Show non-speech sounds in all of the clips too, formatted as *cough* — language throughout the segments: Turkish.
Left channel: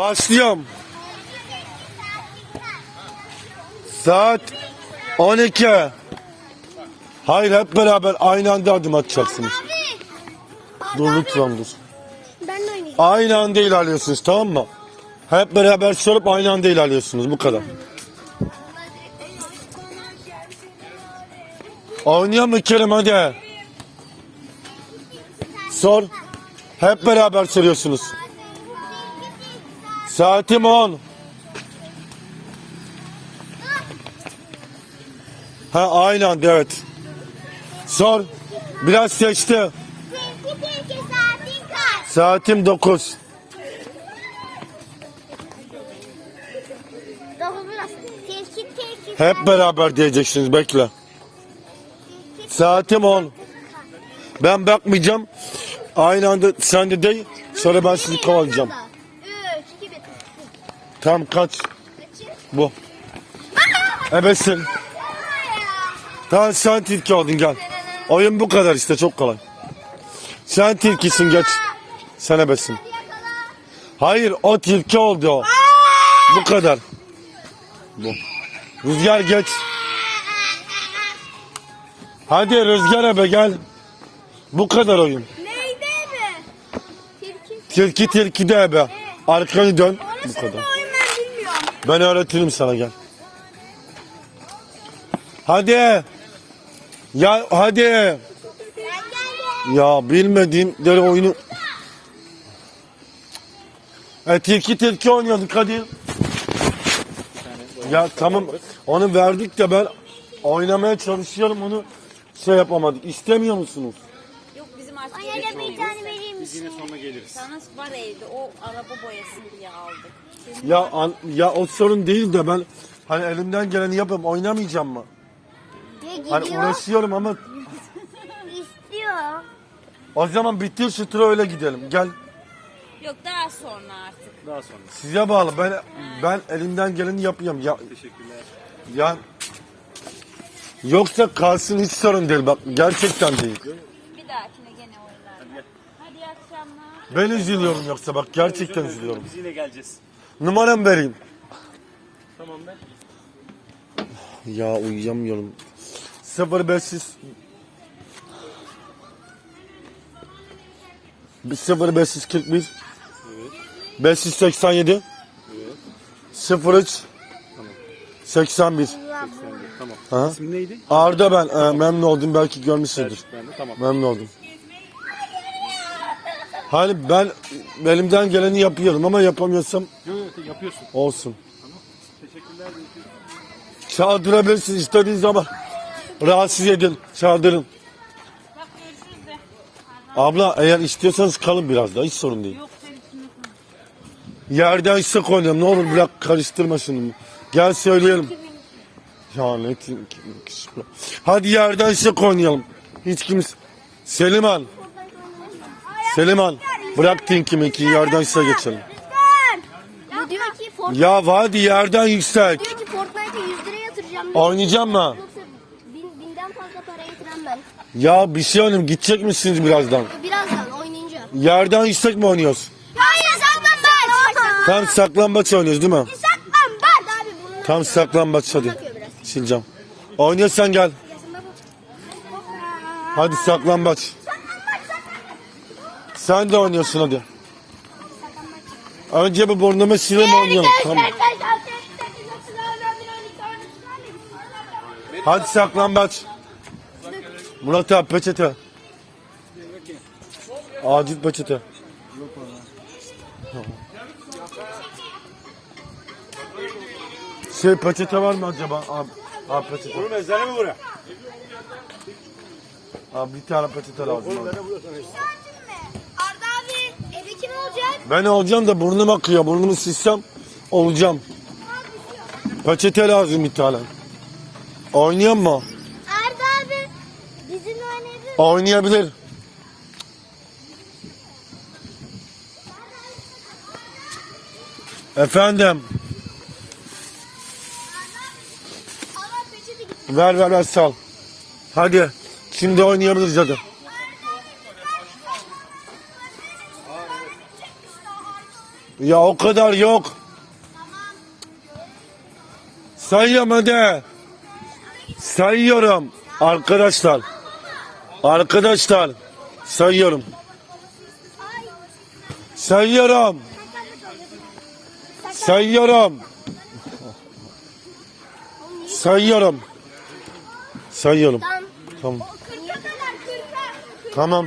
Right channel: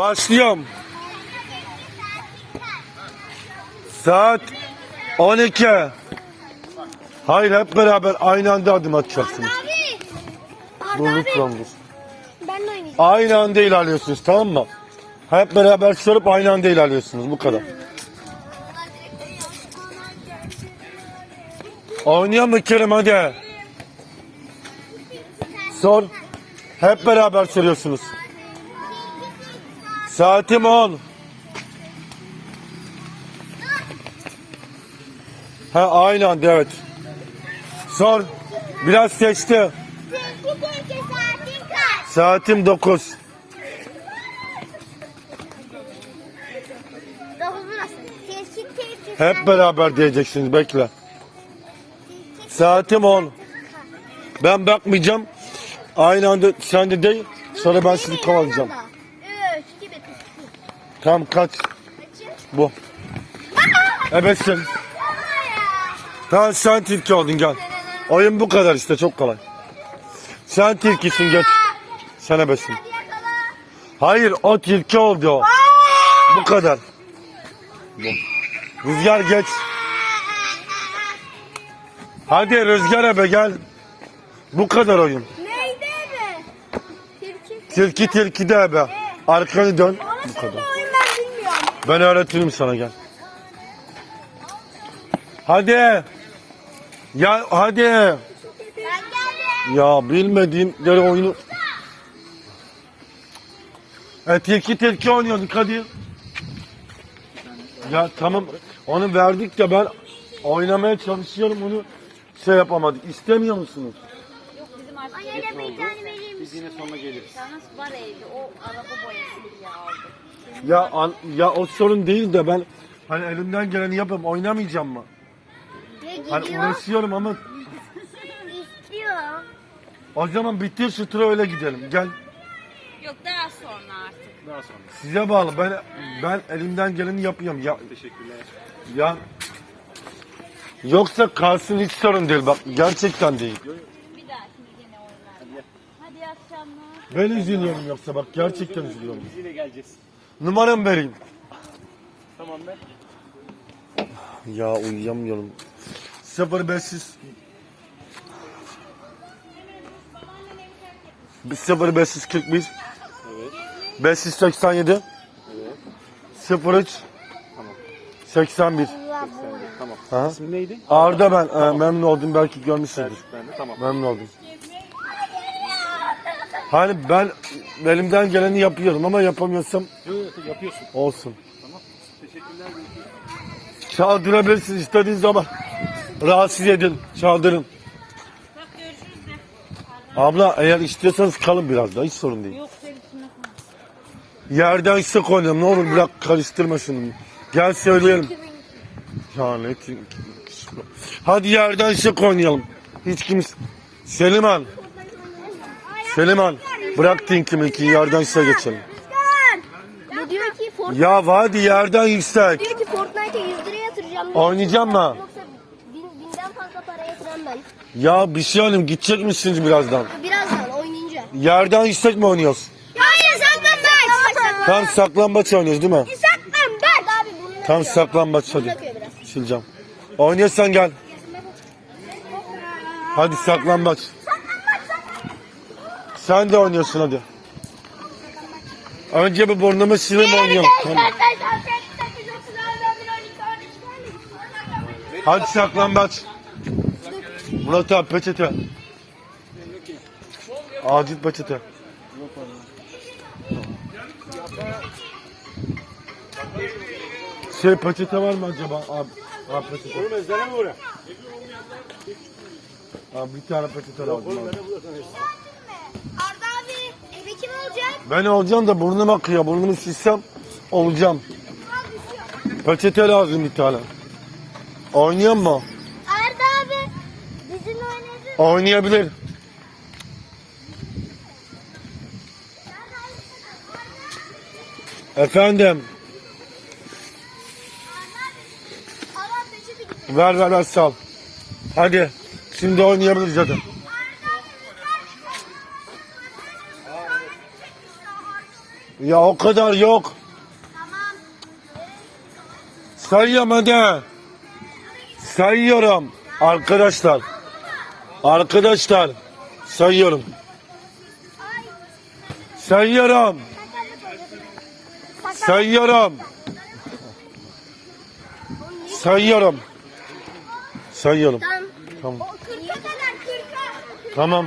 Başlıyorum. Saat 12. Hayır hep beraber aynı anda adım atacaksınız. Dur lütfen dur. Ben de oynayacağım. Aynı anda ilerliyorsunuz tamam mı? Hep beraber söyleyip aynı anda ilerliyorsunuz bu kadar. Oynuyor mu Kerim hadi? Sor. Hep beraber söylüyorsunuz. Saatim 10. Ha aynı anda evet. Sor. Biraz seçti. Saatin kaç? Saatim 9. Dokuz Hep beraber diyeceksiniz bekle. Saatim 10. Ben bakmayacağım. Aynı anda sen de değil. Sonra ben sizi kovalayacağım. Üç, iki, bir. Tam kaç? Bu. Ebesin. Tamam sen tilki oldun gel. Oyun bu kadar işte çok kolay. Sen tilkisin geç. Sen ebesin. Hayır o tilki oldu o. Bu kadar. Bu. Rüzgar geç. Hadi Rüzgar ebe gel. Bu kadar oyun. Neydi mi? Tilki. Tilki de ebe. Arkanı dön. Bu kadar. Ben öğretirim sana gel. Hadi. Ya hadi. Ya bilmediğimleri oyunu. E tilki tilki oynuyorduk hadi. Ya tamam onu verdik de ben oynamaya çalışıyorum onu şey yapamadık. İstemiyor musunuz? Yok bizim artık Ay anne bir tane vereyim. Biz yine sonra geliriz. Sana var evde o araba aldık. Ya an, ya o sorun değil de ben hani elimden geleni yapıyorum oynamayacağım mı? Ya Hani uğraşıyorum ama *laughs* İstiyor. o zaman bitir şu tura öyle gidelim. Gel. Yok daha sonra artık. Daha sonra. Size bağlı. Ben ben elimden geleni yapıyorum. Ya Teşekkürler. ya yoksa kalsın hiç sorun değil bak gerçekten değil. Bir dahakine gene oynarlar. Hadi akşamlar. Ben üzülüyorum yoksa bak gerçekten üzülüyorum. Biz yine geleceğiz. Numaram vereyim. Tamam ben. Ya uyuyamıyorum. 0500 0541 587 Evet. 03 Tamam. 81 Sen de. Tamam. Ha? İsmin neydi? Arda ben e, memnun oldum belki görmüşsündür. Selçuk ben de. Tamam. Memnun oldum. Hani ben elimden geleni yapıyorum ama yapamıyorsam Yo, yo, yapıyorsun. olsun. Tamam. Teşekkürler. görüşürüz. Çaldırabilirsiniz istediğiniz zaman. Rahatsız edin, çaldırın. Bak görüşürüz de. Abla eğer istiyorsanız kalın biraz da hiç sorun değil. Yok. Yerden sık oynayalım ne olur bırak karıştırma şunu. Gel söyleyelim. Ya ne ti- Hadi yerden sık oynayalım. Hiç kimse... Seliman. Seliman. Bırak tinki minki yerden sık geçelim. Bu diyor ki Fortnite, Ya hadi yerden yüksek. diyor ki Fortnite'a 100 lira yatıracağım. Oynayacağım mı? Yoksa bin, binden fazla para yatıran ben. Ya bir şey oynayayım gidecek misiniz birazdan? Birazdan oynayınca. Yerden yüksek mi oynuyoruz? Ya saklambaç. Tam saklambaç oynuyoruz değil mi? Saklambaç. Abi bunu Tam saklambaç hadi. Sileceğim. Oynuyorsan gel. Hadi saklambaç. Sen de oynuyorsun hadi. Önce bir burnumu sileyim oynayalım. Tamam. Hadi saklambaç. Murat abi peçete. Acil peçete. Şey peçete var mı acaba? Abi, abi peçete. Abi bir tane peçete lazım abi. Olacak? Ben olacağım da burnum akıyor. Burnumu silsem olacağım. Peçete lazım bir tane. Oynuyor mu? Arda abi bizimle oynayabilir Oynayabilir. Efendim. Ver ver ver sal. Hadi. Şimdi oynayabiliriz hadi. Ya o kadar yok. Sayıyorum hadi. Sayıyorum. Arkadaşlar. Arkadaşlar. Sayıyorum. Sayıyorum. Sayıyorum. Sayıyorum. Sayıyorum. Tamam. Tamam. O 40'a kadar 40'a. Tamam.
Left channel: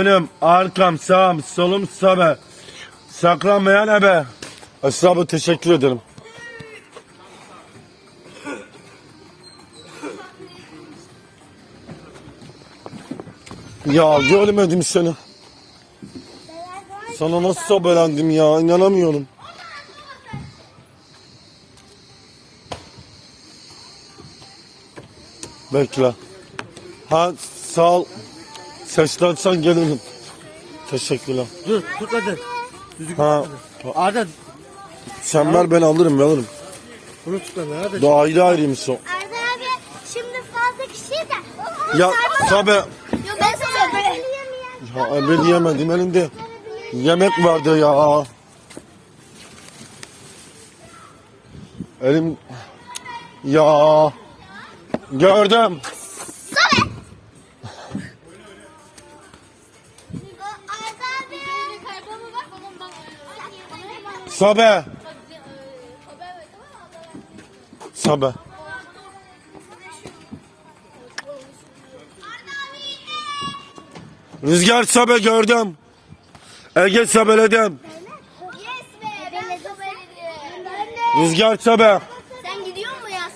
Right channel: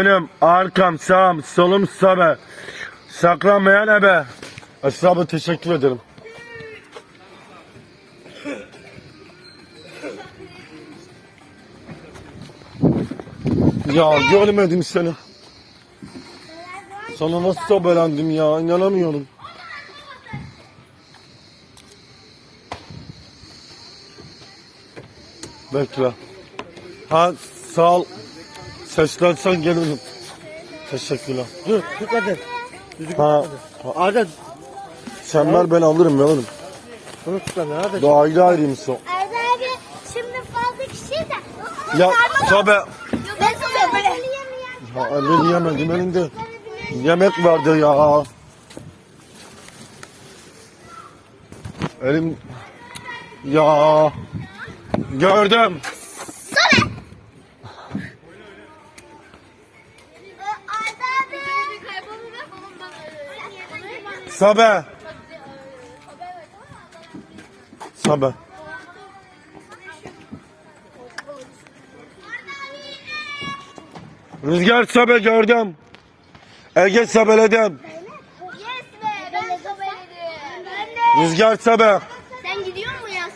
Önüm, arkam, sağım, solum, sabe. Saklanmayan ebe. Esra teşekkür ederim. Ya görmedim seni. Sana nasıl sobelendim ya inanamıyorum. Bekle. Ha sağ. Seslensen gelirim. Teşekkürler. Dur tut hadi. Ha, Arda sen ver ben alırım alırım. bunu tut hadi. Hadi. Bu ayrı ayrıymış o. Arda abi şimdi fazla kişi de. Ya sabe. Ben size böyle. Ha, ben yemedim elinde. Yemek vardı ya. Elim. Ya. Gördüm. Sabe. Sabe. Rüzgar sabe gördüm. Ege sobeledim. Rüzgar sabe. Sen gidiyor musun Yas?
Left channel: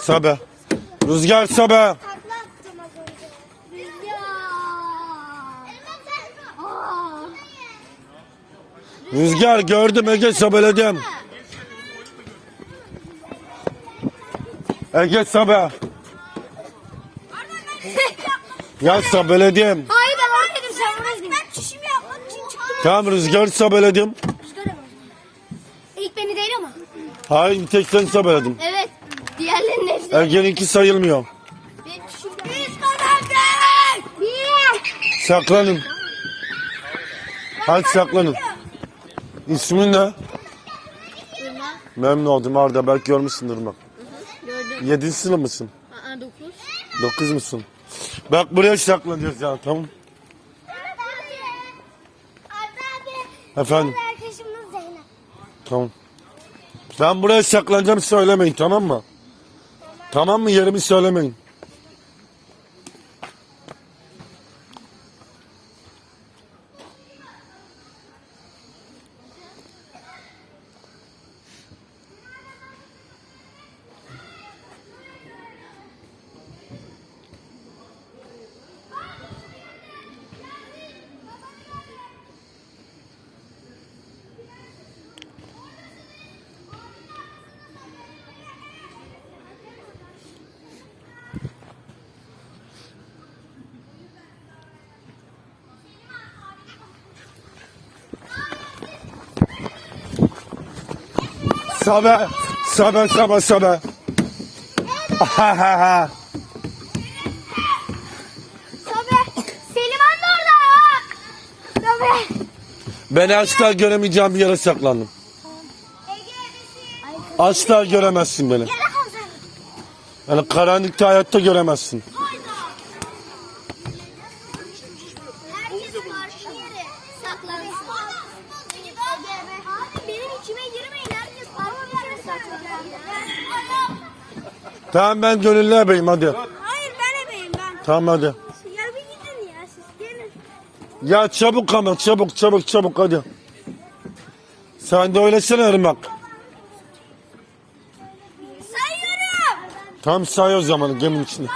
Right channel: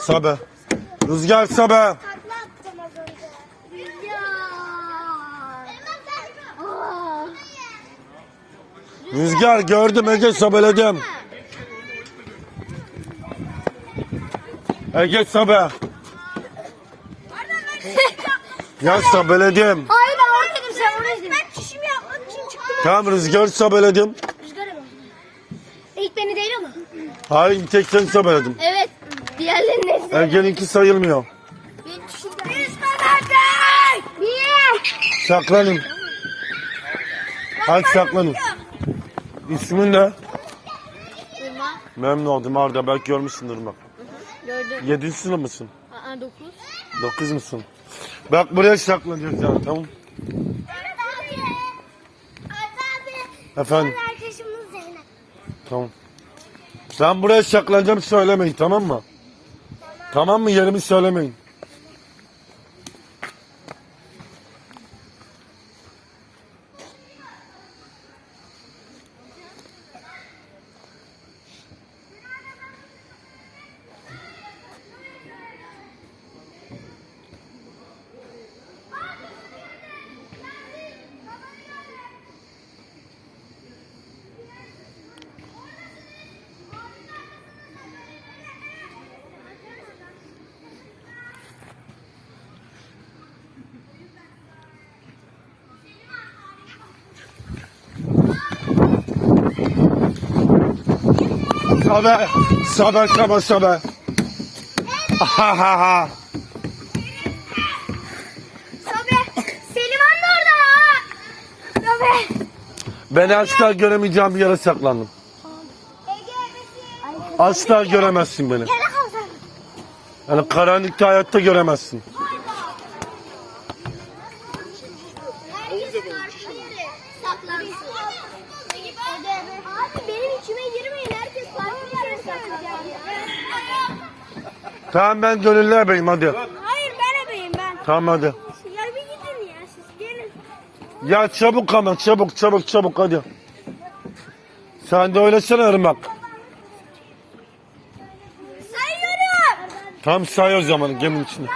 Sabe. Rüzgar sabe. Takla attım az önce. Ya. Aa. Rüzgar gördüm Ege sabeledim. Ege sabe. Ya sabeledim. Hayır ben oradaydım sen oradaydın. Ben çişimi yapmak için çıktım. Tamam rüzgar sabeledim. Rüzgar ama. İlk beni değil ama. Hayır bir tek sen sabeledim. Evet. Diğerlerinin hepsi. Ege'ninki sayılmıyor. Saklanın. Hadi saklanın. İsmin ne? Memnun oldum Arda. Belki görmüşsündür bak. Gördüm. Yedinci sınıf mısın? Aa dokuz. Dokuz musun? Bak buraya saklanacağız ya tamam. Efendim Arkadaşımız Zeynep. tamam. Ben buraya saklanacağım söylemeyin tamam mı? Tamam mı yerimi söylemeyin. Sabe, sabe, sabe, sabe. Ha ha ha. Tabii. Selim Han da orada. Tabii. Beni asla göremeyeceğim bir yere saklandım. Asla göremezsin beni. Yani karanlıkta hayatta göremezsin. Tamam ben gönüllü ebeyim hadi. Hayır ben ebeyim ben. Tamam hadi. Ya bir gidin ya siz gelin. Ya çabuk ama çabuk çabuk çabuk hadi. Sen de öylesene Irmak. Tam say o zaman geminin içinde.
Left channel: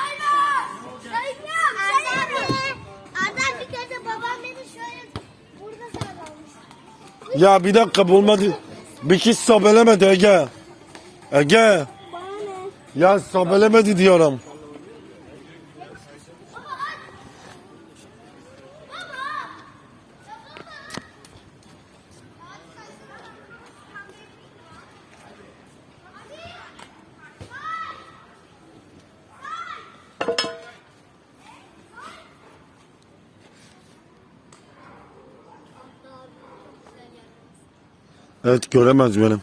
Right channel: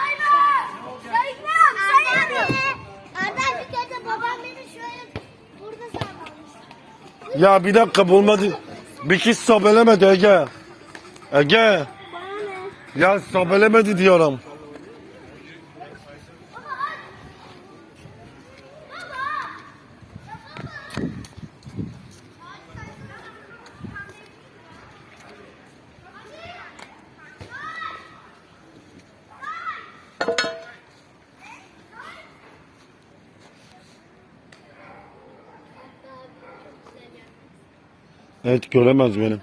Ya bir dakika bulmadı. Bir kız sobelemedi Ege. Ege. Ya sobelemedi diyorum. Evet göremez benim.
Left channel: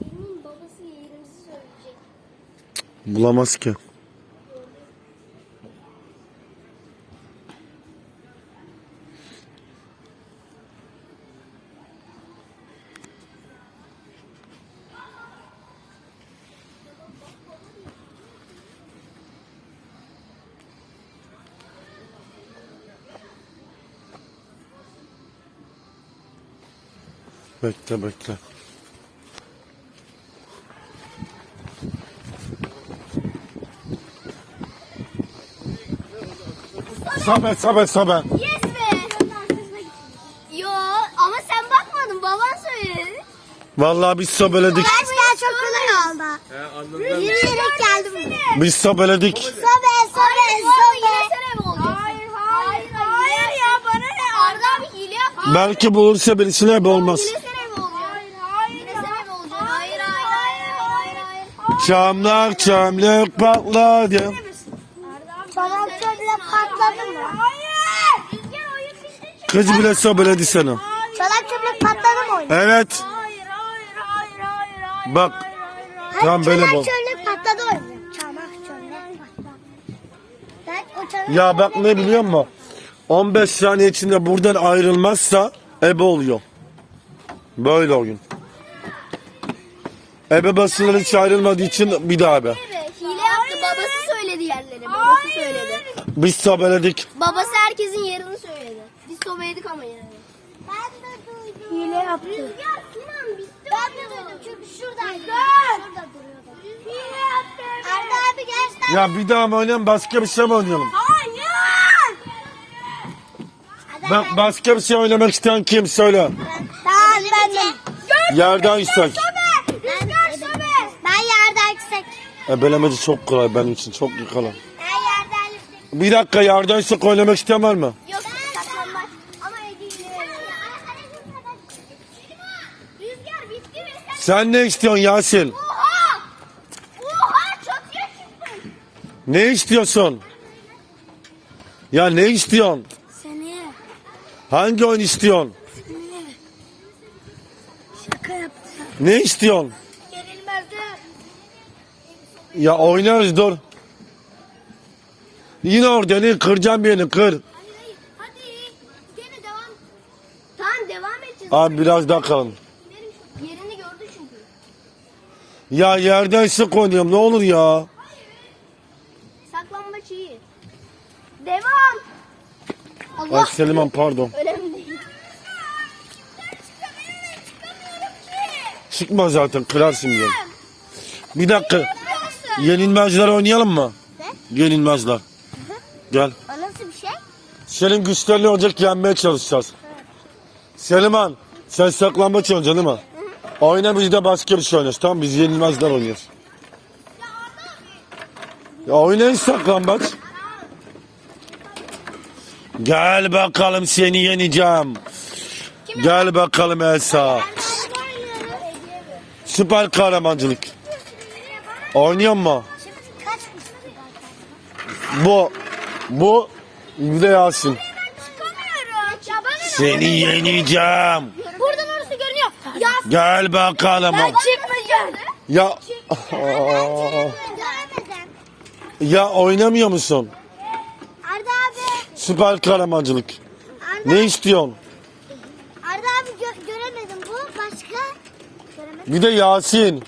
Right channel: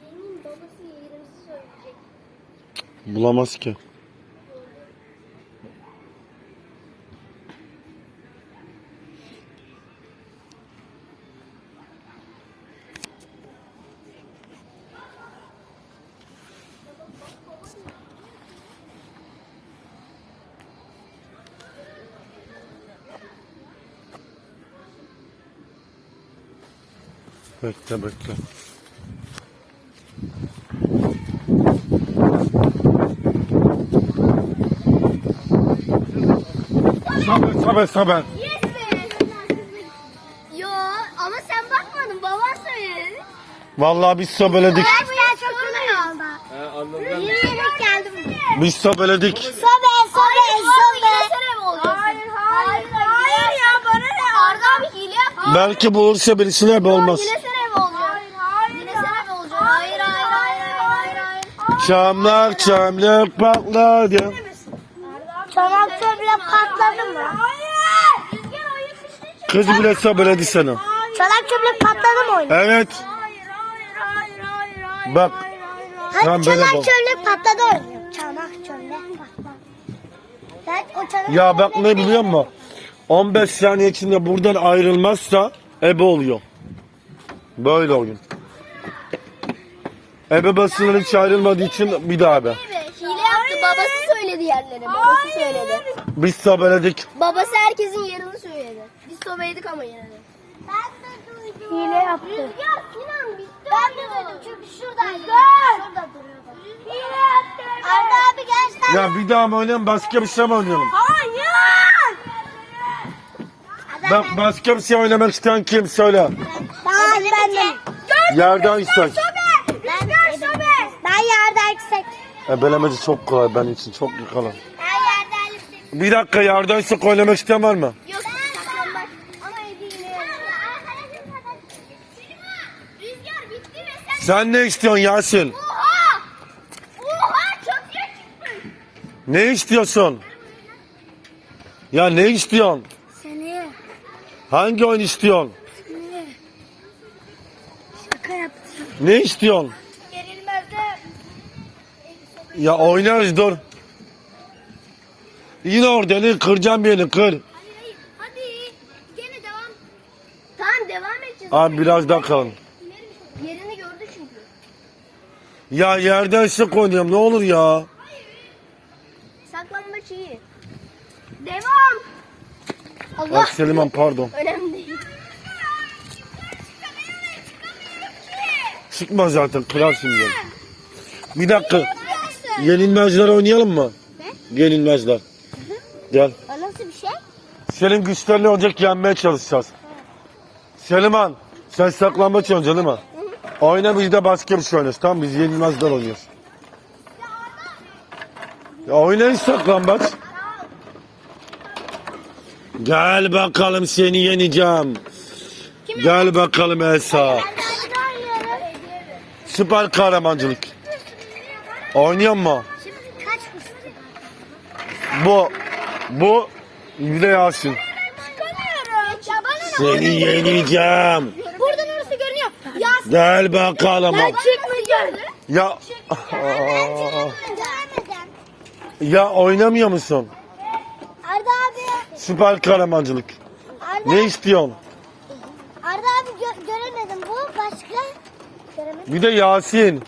Benim babası yerimizi söyleyecek. Bulamaz ki. Bekle bekle. Sobe sobe sobe. Yes be. Yo ama sen bakmadın baban söyledi. Vallahi biz sobeledik. Arkadaşlar çok kolay oldu. Yürüyerek geldim. Biz sobeledik. Sobe sobe sobe. Yine sen ev olacaksın. Hayır hayır. Hayır ya bana ne? Arda abi hile yaptı. Belki bulursa birisine hep olmaz. Yine sen ev olacaksın. Yine sen ev olacaksın. Hayır hayır hayır hayır hayır. Çamlar çamlar patladı. Çanak çöple patladı mı? Hayır. Rüzgar oyun bitti. Kız bile sobeledi seni. Çanak çöple patladı mı oyun? Evet. Hayır hayır hayır hayır hayır. Bak. Tamam böyle çanak bol. çöple patladı oyun. Çanak çöple patladı. Ben o çanak Ya bak ne biliyor musun? 15 saniye içinde buradan ayrılmazsa ebe oluyor. Böyle oyun. Ebe basılı hiç ayrılmadığı için bir daha ebe. Yaptı. Babası söyledi yerleri. Babası söyledi. Biz sobeledik. Babası herkesin yerini söyledi. Biz sobeydik ama de. Ben de duydum. Hile yaptı. Rüzgar Sinan bitti. Ben de duydum çünkü şuradaydı. Şurada duruyordu. Hile yaptı. Arda abi gerçekten. Ya bir daha mı oynayalım başka bir şey mi oynayalım? Hayır. Bak başka bir şey oynamak isteyen kim söyle. Tamam ben de. Yerden istek. Ebelemeci çok kolay benim için çok kolay. Bir dakika? Yok saklanmak. Ama hediye. Rüzgar bitti mi sen? Sen ne istiyorsun Yasin? Oha! Oha çok yakışmış. Ne istiyorsun? Ya ne istiyorsun? Seni Hangi oyun istiyorsun? şaka yaptım. Ne istiyorsun? Ya oynarız dur. Yine orada ne kıracağım birini kır. Hayır. Hadi. Gene devam. Tamam devam edeceğiz. Abi biraz daha kalın. Yerini gördü çünkü. Ya yerden sık oynuyorum ne olur ya. Saklanmaç iyi. Devam. Allah. Bak Selimhan pardon. *laughs* Önemli değil. Çıkma zaten kırarsın diye. Bir dakika. Yenilmezler oynayalım mı? Yenilmezler. Gel. *laughs* O nasıl bir şey? Senin güçlerini olacak yenmeye çalışacağız. Selimhan sen saklanma çalışacaksın değil mi? *laughs* Oyna biz de başka bir şey oynarız tamam? Biz yenilmezler oynuyoruz. Ya oynayın saklambaç. Gel bakalım seni yeneceğim. Gel bakalım oynuyorum. Süper kahramancılık. Oynuyor mu? Şimdi kaç kişi? Bu, bu bir de Yasin. Çıkamıyorum. Ya bana ne? Seni yeneceğim. Buradan orası görünüyor. Ya Gel bakalım. ben çıkmayacağım. Ya ya oynamıyor musun? Arda abi. Süper kahramancılık. Arda, Ne istiyorsun? Arda abi gö- göremedim. Bu başka. Göremedim. Bir de Yasin.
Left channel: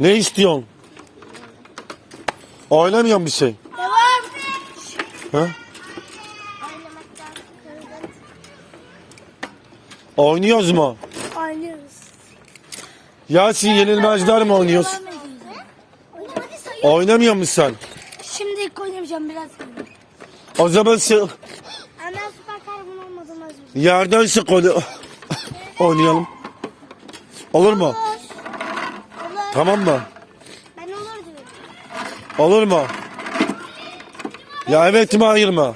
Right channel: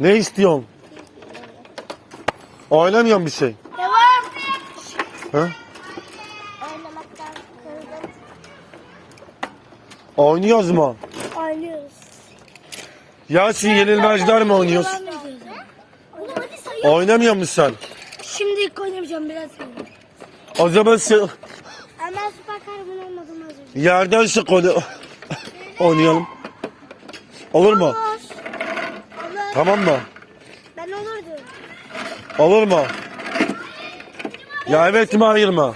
Ne istiyorsun? Oynamıyor bir şey. Devam. Kırıldım. Oynuyoruz mu? Oynuyoruz. Yasin yenilmezler mi oynuyoruz? Oynamıyor musun sen? Şimdi oynamayacağım biraz sonra. O zaman sen Hemen süper kahraman olmadım az önce. yerden sık oyna- oynayalım. Olur mu? Tamam mı? Ben olur diyorum. Olur mu? Ya evet mi hayır mı?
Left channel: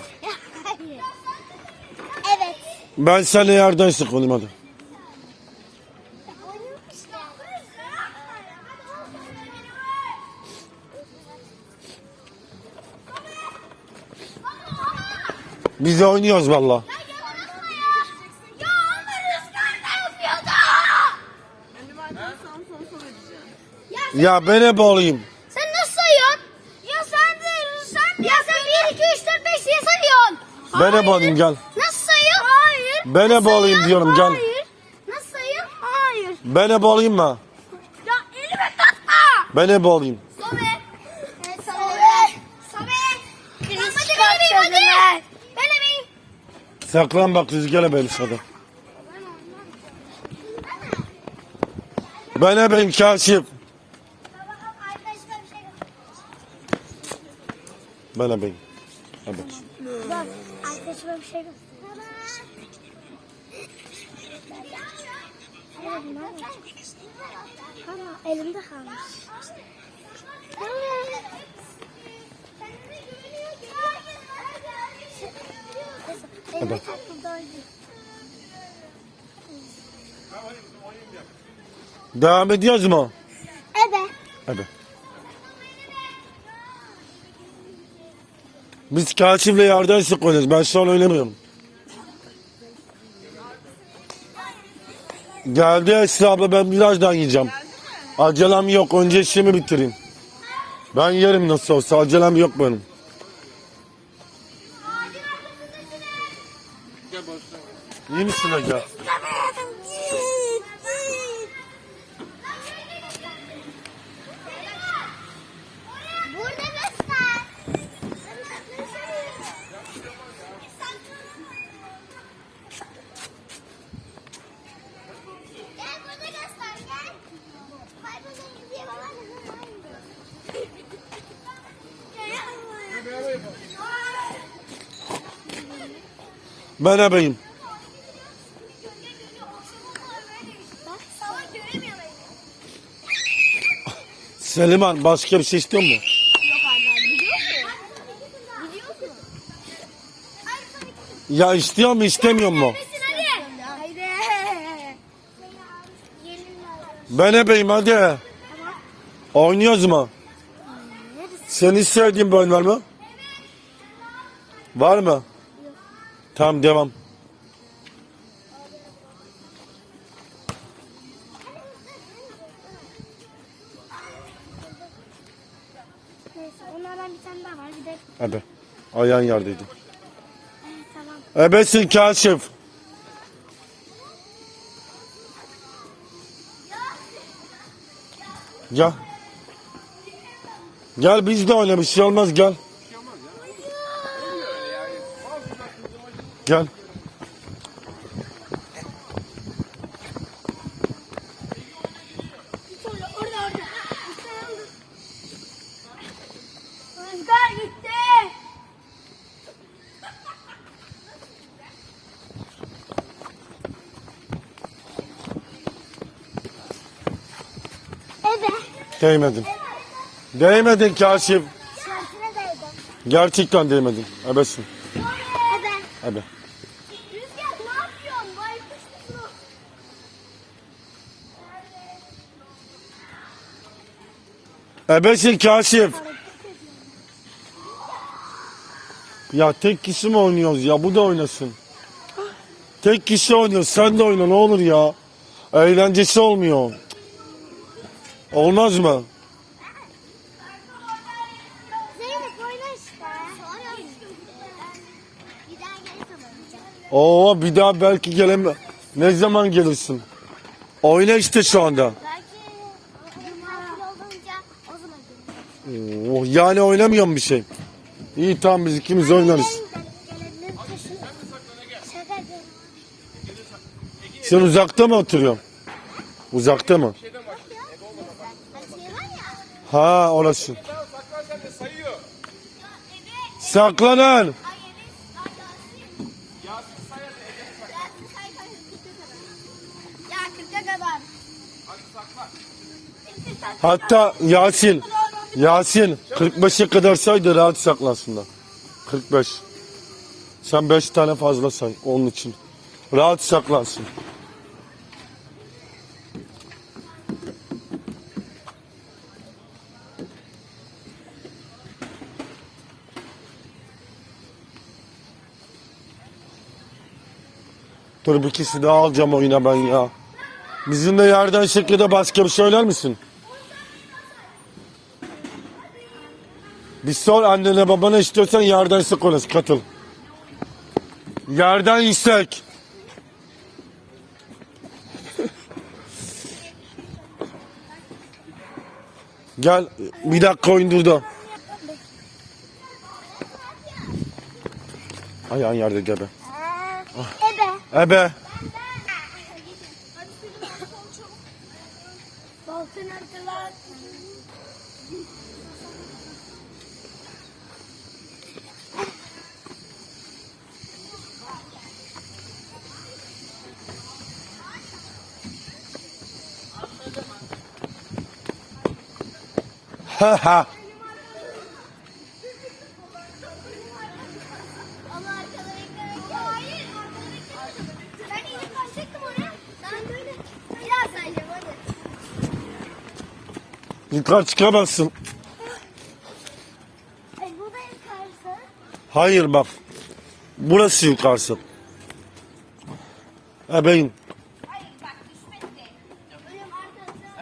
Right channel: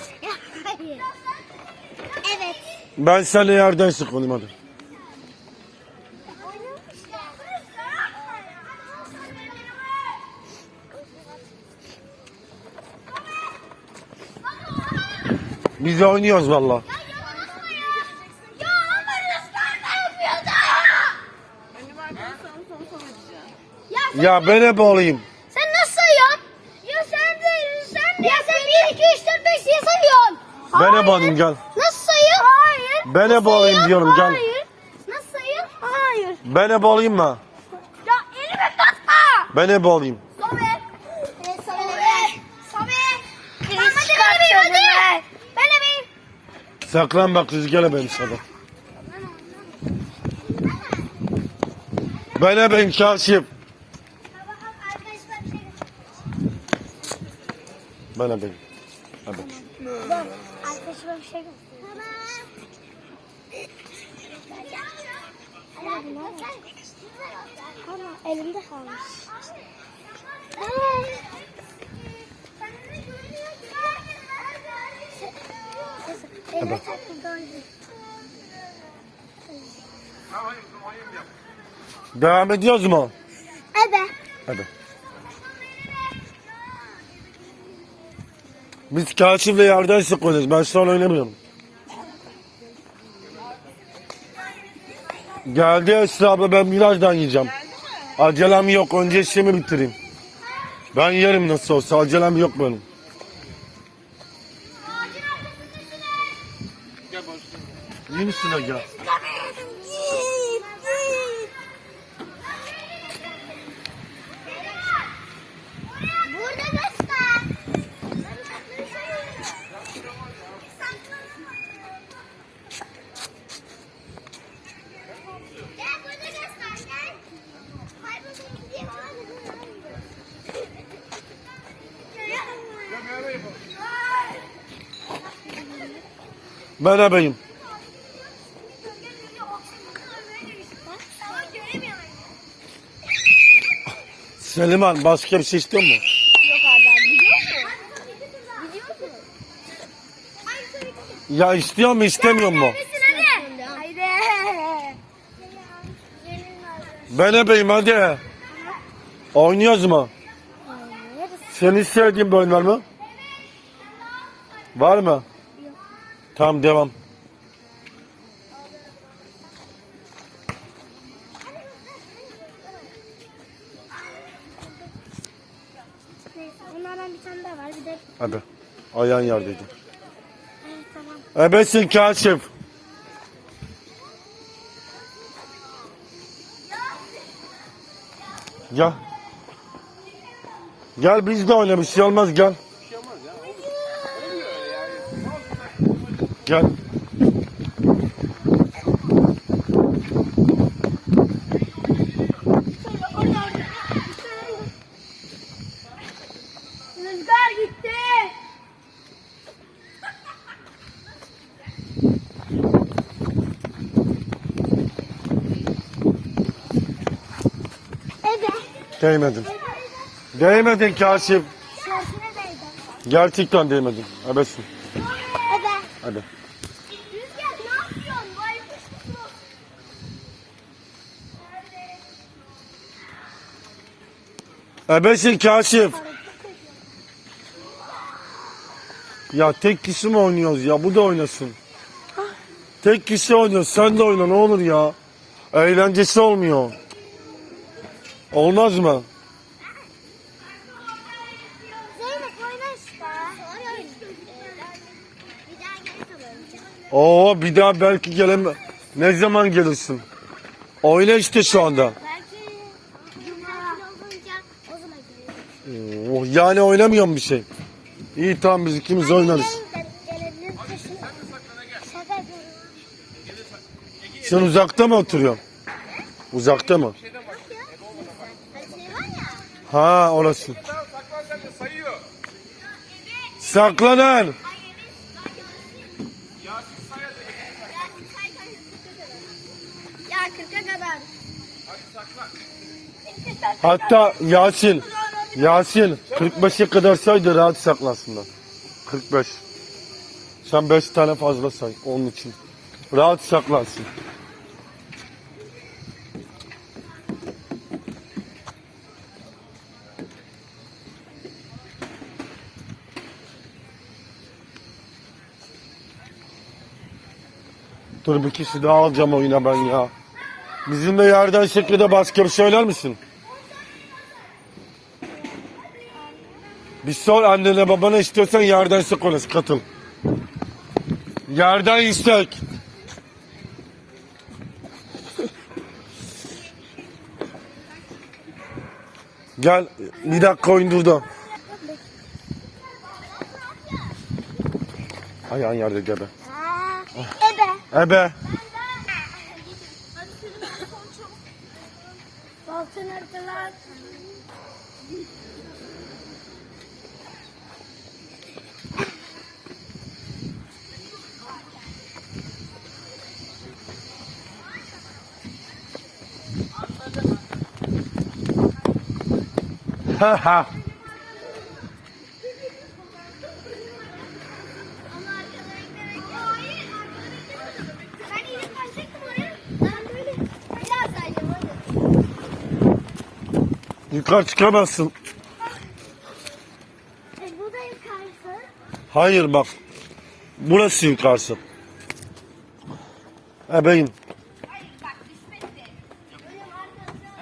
Hayır. Evet. Ben seninle yerden sık oynayayım hadi. Biz de oynuyoruz valla. Ya ben hep olayım. Sen nasıl sayıyorsun? Ya sen de sen de ya sen 1 2 3 4 5 diye sayıyorsun. Ben hep olayım gel. Nasıl sayıyorsun? Hayır. Ben hep olayım diyorum gel. Hayır. Nasıl sayıyorsun? Hayır. Ben hep olayım mı? Ya elime takma. Ben hep olayım. Sobe. Sobe. Sobe. Hadi ben hadi. Ben ebeyim. Saklan bak kız gel ben sana. Ben ebeyim kaşif. Arkadaşlar bir şey Ben ebeyim. Evet. Bak, arkadaşıma bir şey göstereyim. Ama elimde kalmış. Evet. Devam ediyoruz mu? Evet. Hadi. Biz kaşifle yerden sık oynuyoruz. Ben şu an oynamıyorum. Geldi Esra abla ben birazdan yiyeceğim. Acelem yok. Önce işimi bitireyim. Ben yerim nasıl olsa. Acelem yok benim. İyi misin Aga? Burada göster. Gel burada göster gel. Kaybolmak diye bana Ben ebeyim. Seliman başka bir şey istiyor mu? Ya istiyor mu istemiyor mu? Ben ebeyim hadi. Oynuyoruz mu? Senin sevdiğin bir oyun var mı? Var mı? Tamam devam. Neyse onlardan bir tane daha var. Bir de Hadi. Ayağın yerdeydi. evet tamam. Ebesin kaşif. Gel. Gel biz de oyna bir şey olmaz gel. Gel. Rüzgar gitti. Değmedin. Değmedin kaşif. Değdim. Gerçekten değmedin. Ebesin. Evet. Hadi. Ebesin kaşif. Ya tek kişi mi oynuyoruz ya? Bu da oynasın. Tek kişi oynuyoruz. Sen de oyna ne olur ya. Eğlencesi olmuyor. Olmaz mı? Oo bir daha belki geleme. Ne zaman gelirsin? Oyna işte şu anda. Belki bugün tatil olunca o zaman gelirim. Oo, yani oynamıyorum bir şey. İyi tamam biz ikimiz oynarız. Sen uzakta mı oturuyorsun? Uzakta mı? Ha orası. Saklanan. Ya 40'a kadar. Hatta Yasin. Yasin 45'e kadar saydı rahat saklansınlar. 45. Sen 5 tane fazla say onun için. Rahat saklansın. Dur bir kişi daha alacağım oyuna ben ya. Bizim de yerden şekilde bir söyler misin? Bir sor annene babana istiyorsan yerden sık konuş katıl. Yerden istek. Gel bir dakika oyun durdu. Ayağın yerde gebe. Ebe. Ebe. Altın ortalar. Ha ha. Ama arkada beklemek. Hayır arkada beklemek. Ben iyice kaçacaktım oraya. Ben böyle biraz sayacağım hadi. *laughs* Yukarı çıkamazsın. E, bu da yukarısı. Hayır bak. Burası yukarısı. Ebeğin. Hayır bak düşmedi. Ölüm arkasına.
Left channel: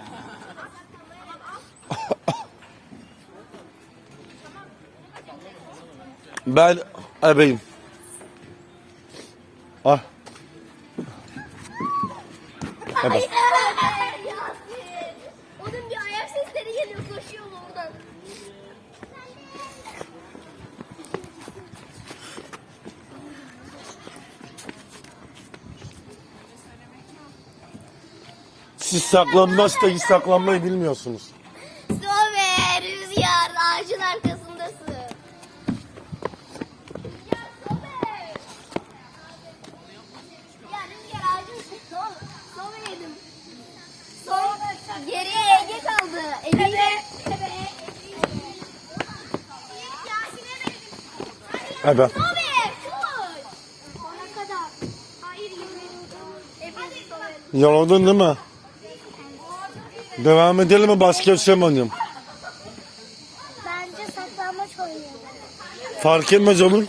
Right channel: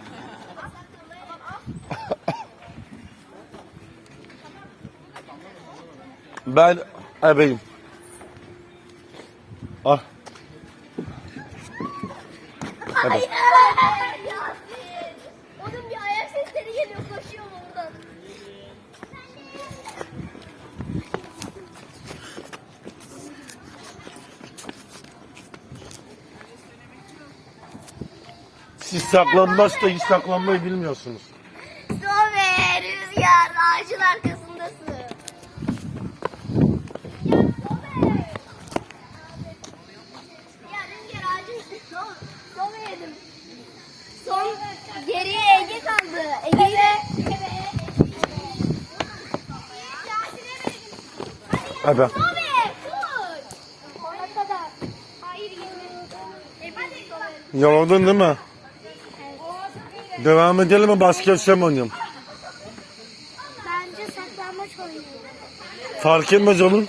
Ben ebeyim. Ah. Hayır. Yasin. Onun bir ayak sesleri geliyor koşuyor oradan. Siz saklanmazsa hiç saklanmayı bilmiyorsunuz. Hadi. Yoruldun değil mi? Devam edelim mi bir şey mi oynayalım? Bence saklanmaç oynayalım. Fark etmez oğlum.